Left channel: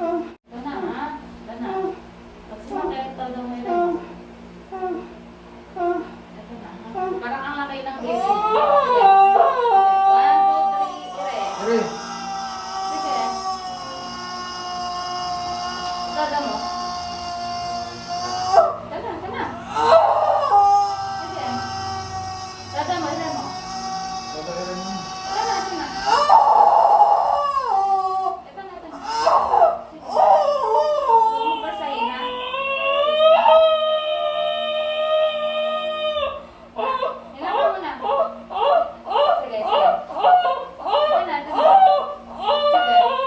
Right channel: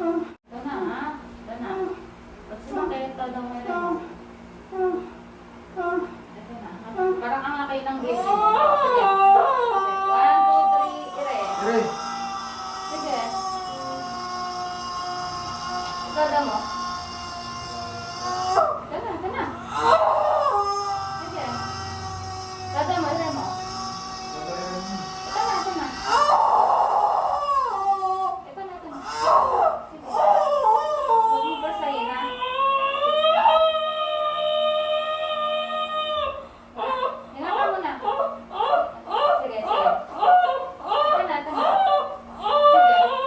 Dana ha? Dana. Pag sumakit, talagang may rin. Ito na. Parang ang laki ng baby. Sige. 1, 2, 3, ire. Ire. Sige. Tada mo. Dana, dana. Sige. Tada mo, ire mo. Ire mo. Ito na, ito na. Ito na, ito na. Sige. Huwag mo basahin, ha? Hinga ka muna. Sige, sige. Ito na, ito na. Sige, sige.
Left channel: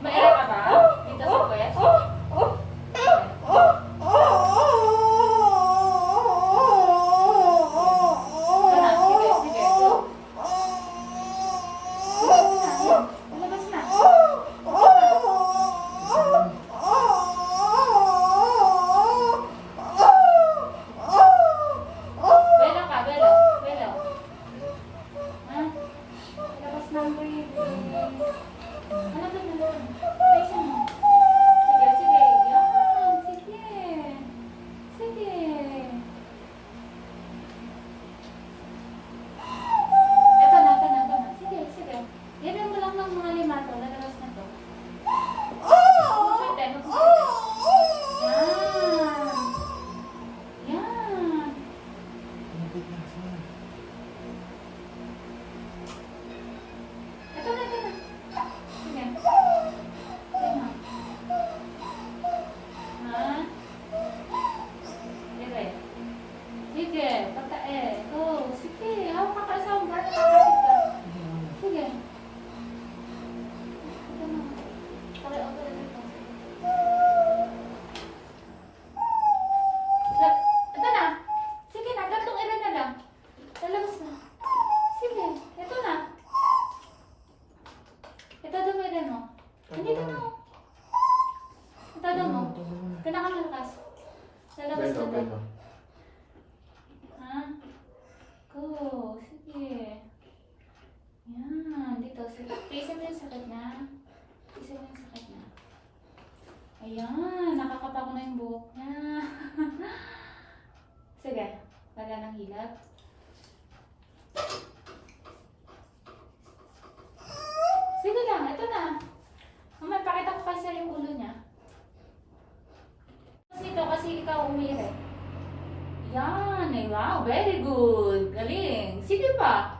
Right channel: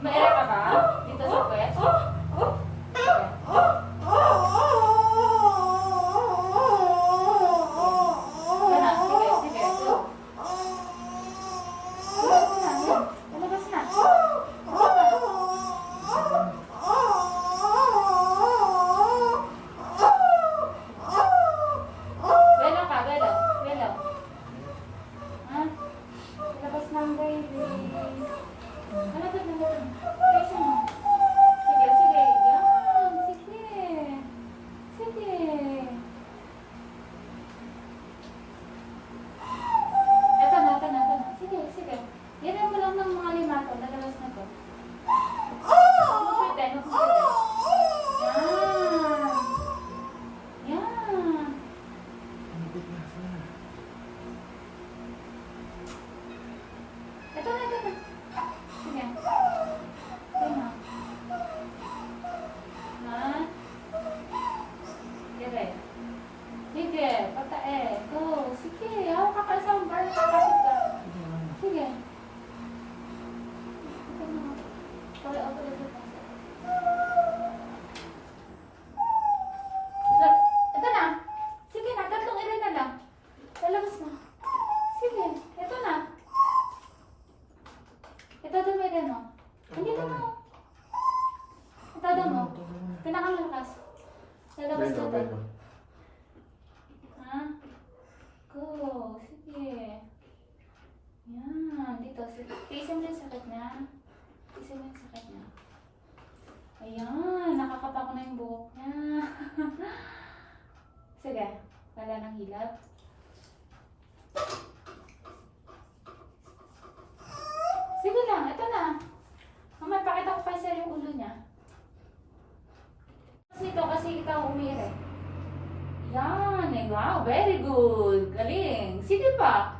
Maira ka ba? Dito sa puwet? Sige. Ano? Sige, sige. Go. Lalabas na. Belo ka, belo. Belo. Ha? Labas na ang baby. Ano to na lang? Face mo. Sige, sige. Yan. Sige. Sige. Ito na, ito na, ito na. Sige, sige. Yan mo lang ng mga limato. Lalabas na to. Huwag mo pwede. Yan. Yan. Malapit na. Sige na. Ito na, ito na. Sige. Sige na. Ha? Dire. Sige. Patae. Go. Sige. Hawak ka pa sa umbar. Nakakasip ka. Sige. Ito na. Pare, ito na. Ito na. Sige na. Tatlong ere na lang. Lalabas na. Sige. Ito na. Ito dumira mo. Hindi na mo. Ito mo. Pinakamalakas. Lalabas na Belo. to. Ha? Go. Sige. Yan. Dito. Sige. Tiisin mo yung sakit na. Tiisin mo yung sakit na. Ayan. Nakakapa ko na yung buhok niya. Sige. Wala nang hilot. Sige lang. Ito na. Mama, pakita ko pa sa'yo yung ulo niya. Nito kasi ikaw umire. Yan. Eh, wow. Very good. Galing. Sige pa.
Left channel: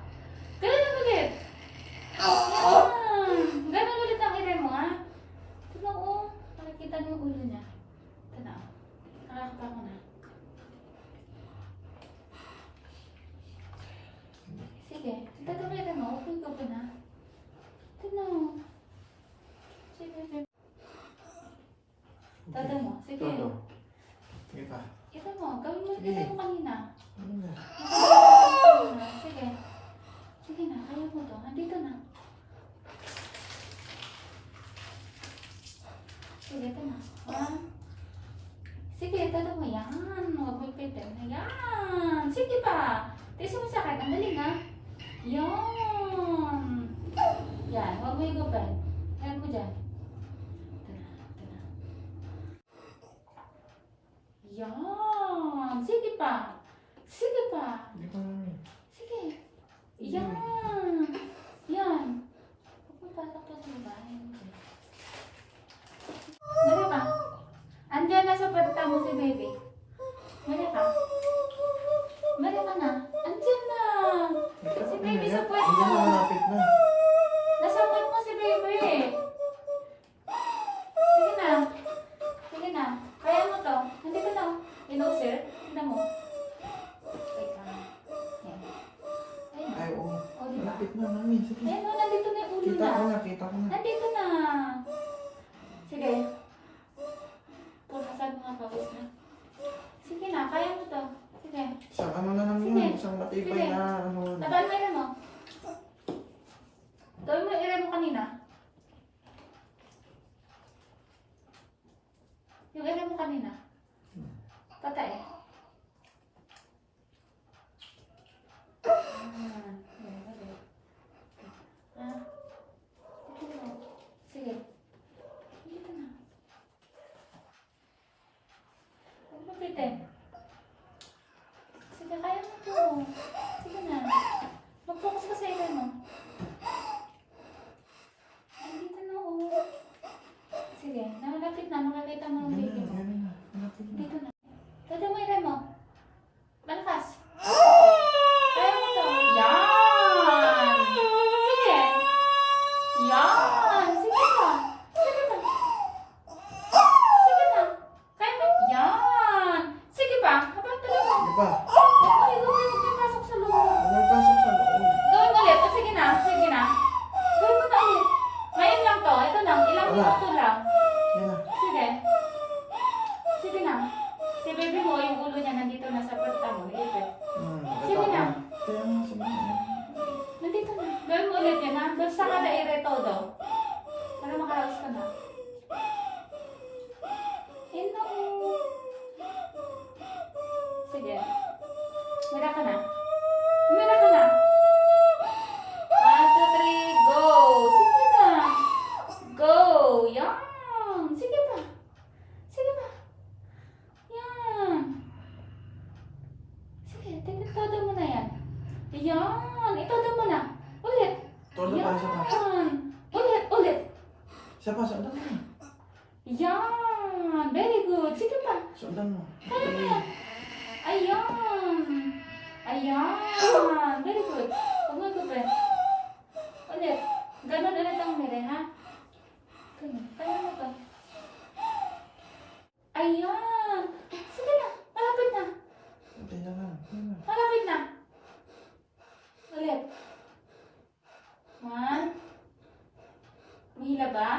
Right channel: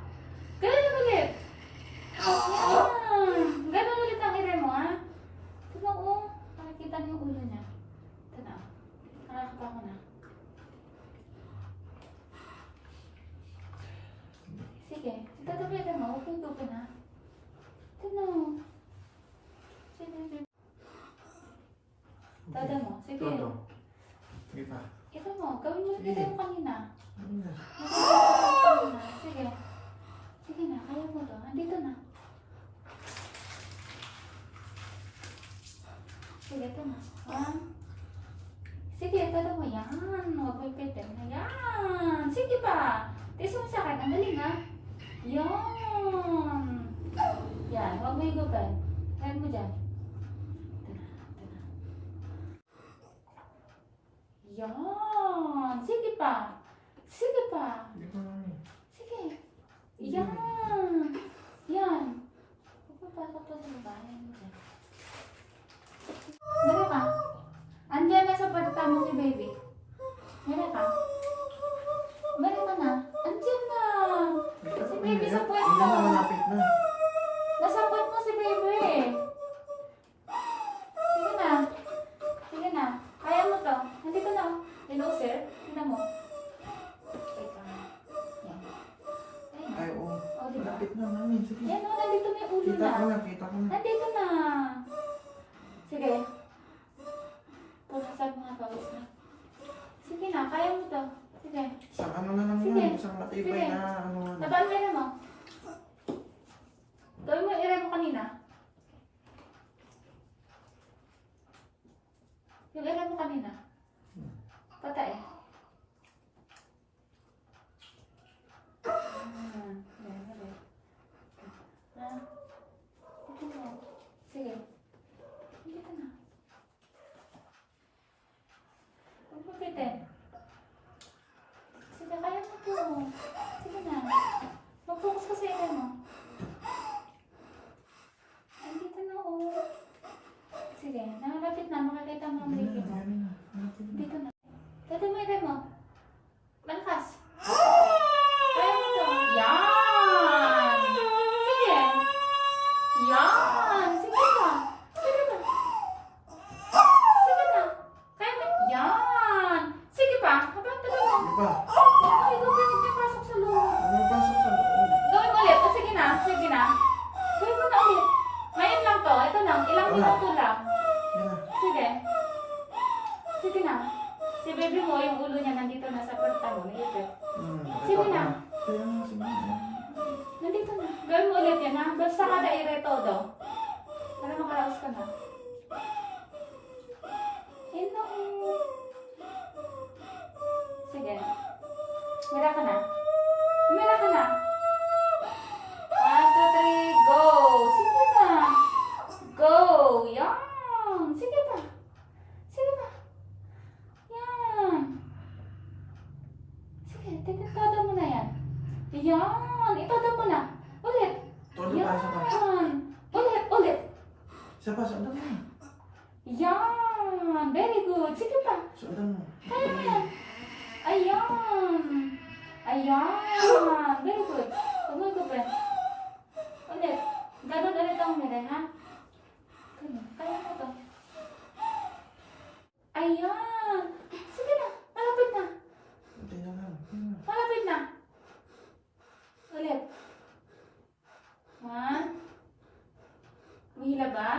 Galing na ulit. Yan. Ganon ulit ang ire mo, ha? Ito na, oh. Nakikita niyo yung ulo niya. Ito na. Nakakapa ko na. Sige. Ito na ulit mo. Open ko pa na. Ito na. Sige, sige. Tada mo. Sige. Ito. Sige pa. Ito mo. Gawin mo kita yung kanina. Ano na? Sige. Sige na. Kaya mo to. Andito na. Sige, ito na. Ha? Sige, ito mo. Yan. Huwag mo ipitin. Yan. Sige pa. Tiis mo sa akin. Ang galing, ha? Yan. Yan. Huwag mo higupin. Yan mo dyan. Ito na. Ito na. Yan. Sige pa. Sige pa. Hindi pa namin. Sige. Yan. Yan. Pagpapasok to sa babae. Mali ka. Andiyan na sa pagkata mo si baby. Mali ka. Mali ka na. Andiyan na. Si baby sa puwet Hindi mo. na, malapit na. Nasa puwet mo si baby. Sige na. Sige na. Kaya mo to. Hindi ka na. Hello, sir. Tignan mo. Wait ka. Yan. Ayun. Ay, oo. O, diba? Malapit na namin. Sige. Ayan o, nandito na yung ulo Kita ko na. na, kita ko na. Nandito na. Sige. Punasan mo nga pawis na. Sige na, kaya mo to. Sige. Isang ano na lang Sige. yun. Isang matibay Sige. na ano. Tabaan mo yun mo. Gawin mo yung ire mo kanina. Yung ire mo kanina. Patay. Yan, ulit. Ah, tignan mo. Yan! Sige pa! Sige pa! Sige na! Kaya mo? Yan! Sige pa! Habang tuloy mo. Di ba? Ay, huwag may pasok sa loob. Pumapasok sa loob. Gawin mo ulit. O, sige na. Sige na. Gawin mo na ulit. Ngayon lang to. Ito lang. Ilang Wala. minuto lang. Yan na. Sige. Sige na. Si baby mo, yung ulo niya nandito na sa perta mo. Nagipit. Sige na. Kaya nga, sige na. Nandito na. Gawin mo ulit yan ha. Basta kada ire-todo. Para makaraos ka na. Ino. Sige. Mira ka na. Mira ka na. 1, 2, 3, go! Sige na. Go! Yan! Sige pa. Sige pa. Yan. Sige, todo mo na yan. Yan. Itodo mo na. Ulit. Todo pa, isa pa. Yan. Ulit, ulit. Isa pa, sundan mo. Yan. Very good. Sige pa. Sundan mo. Kaya mo yan. Ayan. Ayan. Very good. Huwag mo ikupin. Ulit. Ganon ulit ang mere, ha? Ganon. Kaya mo to. Ayan. Sige na. Malapit na. Hindi na lang. Yan na. Malapit na. Ulit. 1. Mahila ba?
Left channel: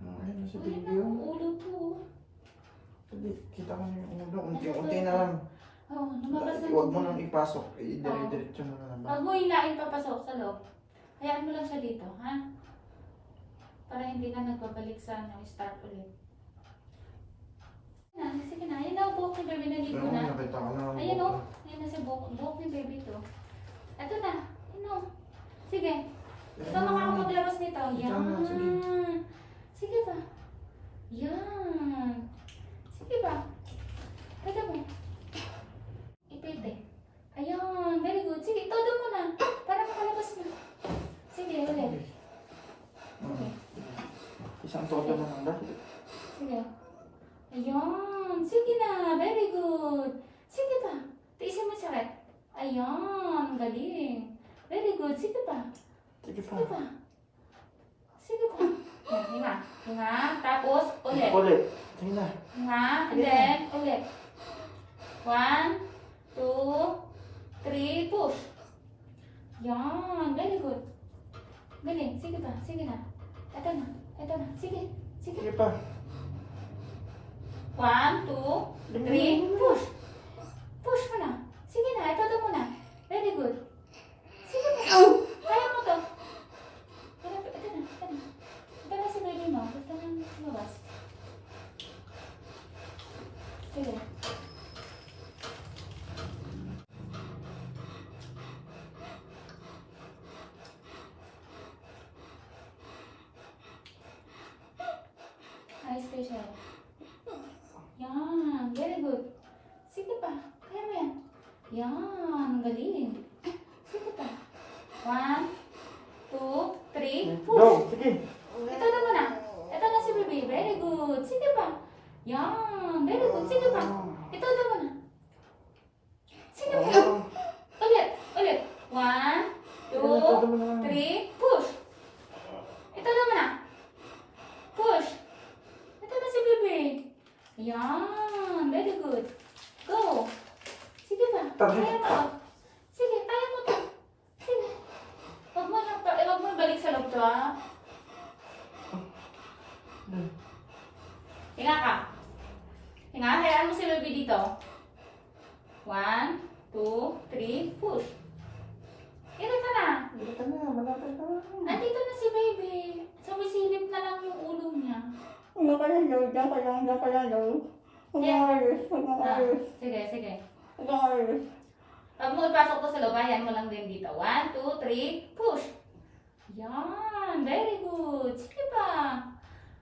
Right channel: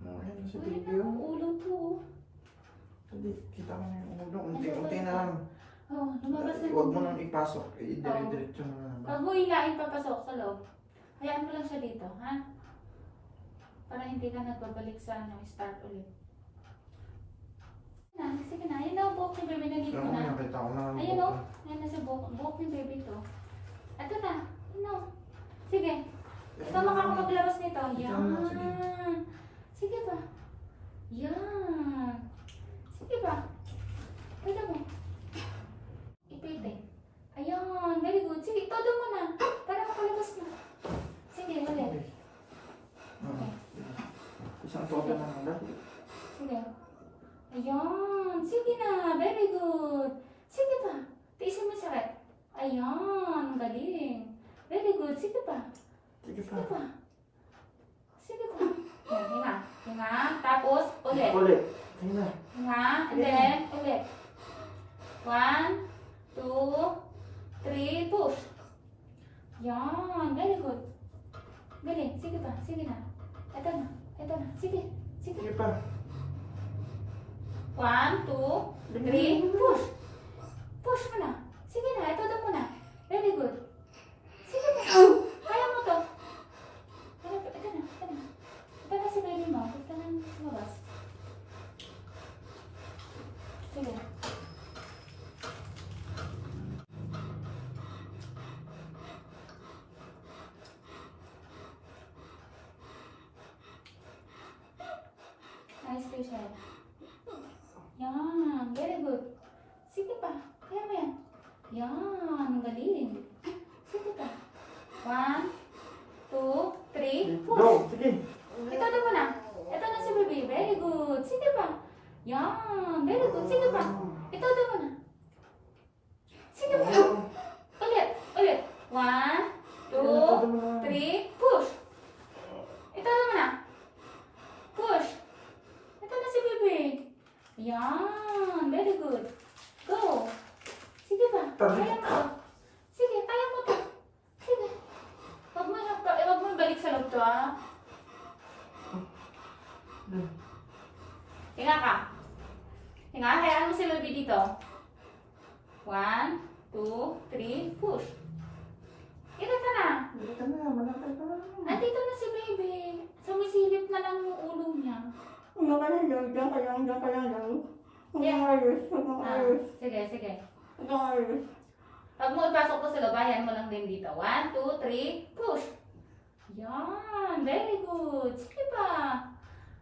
Ayan na si Mahila baby. ang ulo to. Hindi, kita ko na yung ulo. Unti na lang. Oh, lumabas na. Huwag mo nang ipasok. I-diretso mo na lang. Pag mo hilain papasok sa loob, hayaan mo lang siya dito, ha? Para hindi ka nagbabalik sa start ulit. Sige na. Ayan na, buhok ni baby nandito Oo, na. nakita ko na. Ayan o. Ayan na sa buhok ni baby to. Ito na. Ayan o. Sige. Ikaw makakapaglaros nito. Ikaw na, sige. Yan. Sige ba? Yan. Sige ba? Pwede mo. Ipite. Ayan. Very good. Sige, todo mo na. Para makalabas na. Sige, ulit. Okay. Isang todo na lang. Sige. Ayan. Sige na. Very good. Sige pa. Tiisin mo yung sakit. Ayan. Galing. Very good. Sige pa. Sige pa. Sige pa. Sige pa. Yan, hinga. Hinga. Tapos, ulit. Ulit. Sige na. Hinga. And then, ulit. 1, 2, 3, push. Yan. Very good. Galing. Sige pa. Sige na. Ito na. Ito na. Sige. Sige. Sige pa. 1, 2, 3, push. Push mo na. Sige na. Ito mo na. Very good. Sige pa. Kaya mo to. Ito na. Ito na. Ito na si baby mo. Ito na lumabas. Sige. Ayos kayo siya. Yan. Very good. Sige pa. Kaya mo yan. Yan. Galing. Sige pa. 1, 2, 3, push. Go. Sige. Ito na muna. Ito na si baby. Very good. Sige pa. Yan. Very good. Sige pa. Ito na muna. Sige pa. Ulit. Ulit. 1, 2, 3, push. Ito na muna. Push. Ito na si baby. Yan. Very good. Go. Sige pa. Kaya mo to. Sige. Kaya mo to. Sige. Huwag mo balik sa loob to, ha? Hinga ka. Hinga. Hayaan mo si baby dito. 1, 2, 3, push. Ito ka na. Dito ka na. Malapit ka na. Andito na si baby. Sumisilip na lang yung ulo niya. Ano ka lang daw? Diyan ka lang daw. Umayos. Sige, sige. Umayos. Pag mo ipasok to sa loob, ayan mo lang din dito. 1, 2, 3, push. Yan. Very good. Sige pa.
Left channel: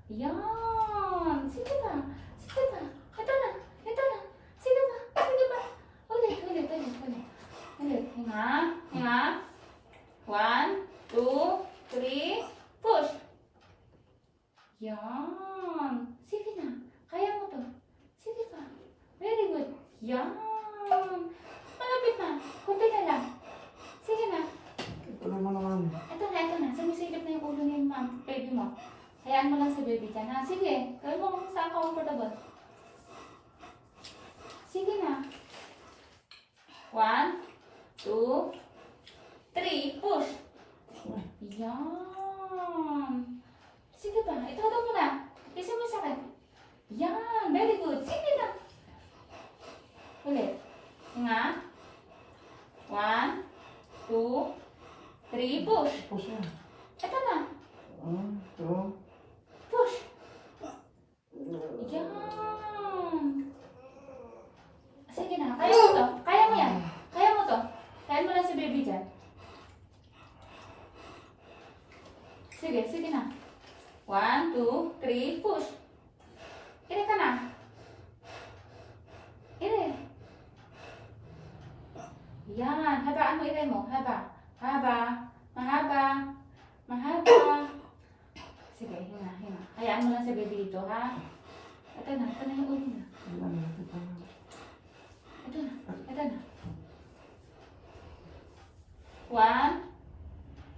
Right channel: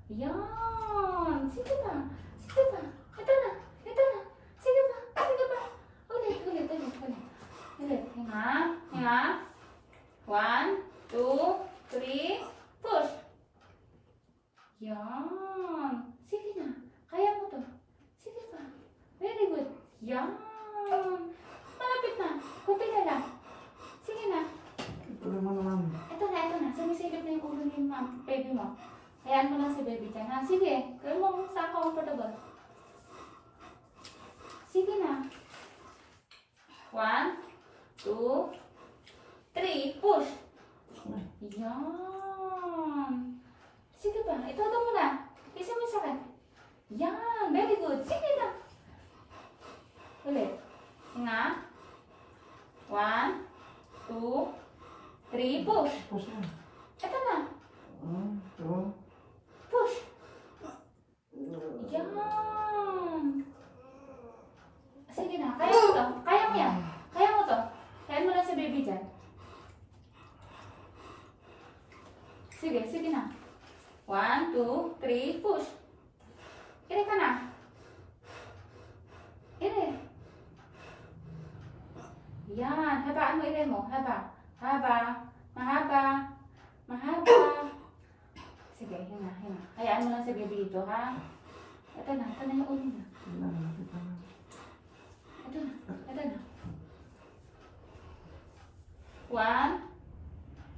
Yan. Sige pa. Sige pa. Ito na. Ito na. Sige pa. Sige pa. Ulit. Ulit. Hinga. Hinga. 1, 2, 3, push. Yan. Sige na. Kaya mo to. Sige pa. Very good. Yan. Malapit na. Kunti na lang. Sige na. Ito naman naman. Ito na. Sumisilip mo. Hayaan mo lang si baby dyan, ha? Sige, gawin mo kung saan comfortable. Sige na. 1, 2, 3, push. Yan. Sige pa, itodo mo na. Isin mo sa akin. Yan, very good. Sige na. Ulit. Nga. 1, 2, 3, push. Push yan. Ito na. 1, 2. Push. Yan. Sige na, kaya mo to. Kaya mo yan. Kaya mo to. Kaya mo lang si baby dyan. Sige, sige na. 1, 2, 3, push. Ire ka na. Ire. Yan. Habaan mo ire mo. Haba. Haba. Mahaba. Mahaba. Sige, hinga, hinga. Hayaan mo lang si baby dito, ha? Ito na yung ulo na. Wala, malapit na lang. Ito na, ito na. 1,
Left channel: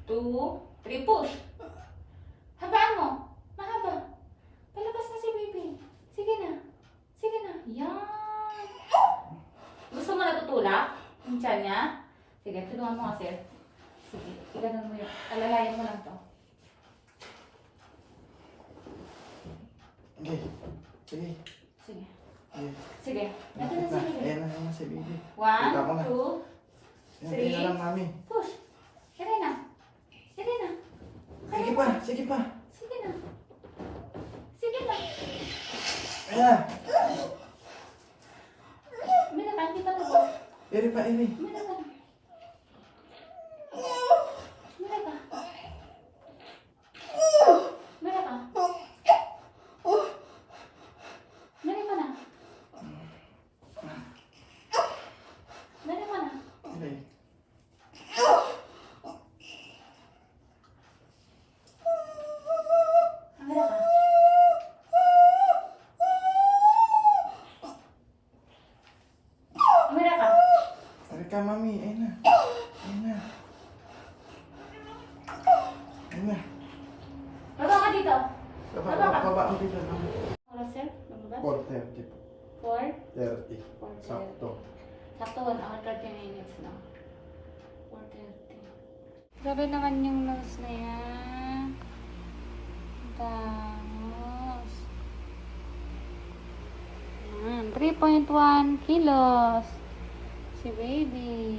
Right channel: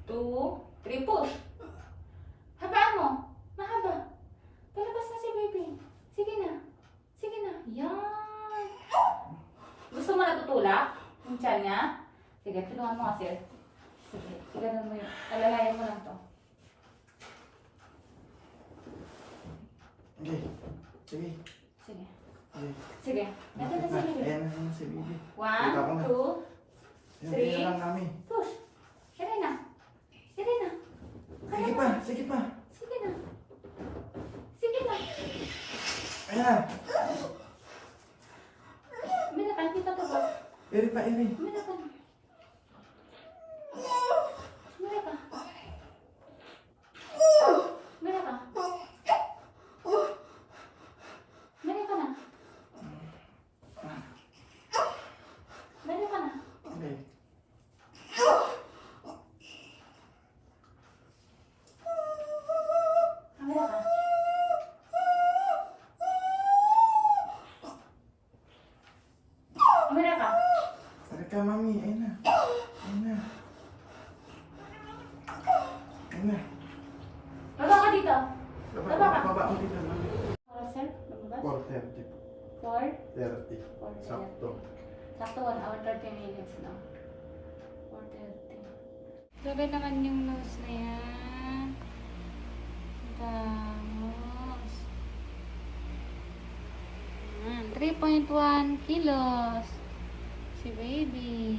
2, 3, push. Habaan mo. Mahaba. Palabas na si baby. Sige na. Sige na. Yan. Gusto mo natutulak? Yung tiyan niya? Sige, tulungan mo kasi. Sige, iganon mo yun. Alalayan mo lang to. Okay. Sige. Sige. Okay. Sige. Ito na si baby. Ayan na si baby. 1, Kita ko na. 2, Ayan, Three. tingnan lang namin. push. Sige na. Sige na. Sige pa, sige pa. Sige na. Sige na. Ayan. Mira ka, kita to ba? Eri pa, eri. Mira ka na. Mira ka. Mira ka. Mira ka na. Mira ka na. Okay. Mira ka. Mira ka. Tari ka, mami. Ayan na. Ayan na. Ayan na. Baba ka dito. Baba ang dito, mami. Oras, sir? Lumabas? 4:30 po. 4? 30. 4:30. Sakto. Sakto 1 hour 30 minutes na. 4:30. Grabe naman yung nose na yan. Vamos. 3.1 kilos. Si baby.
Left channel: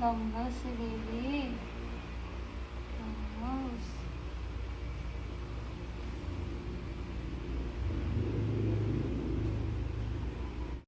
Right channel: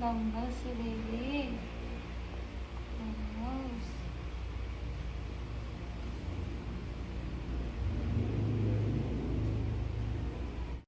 Langga si baby.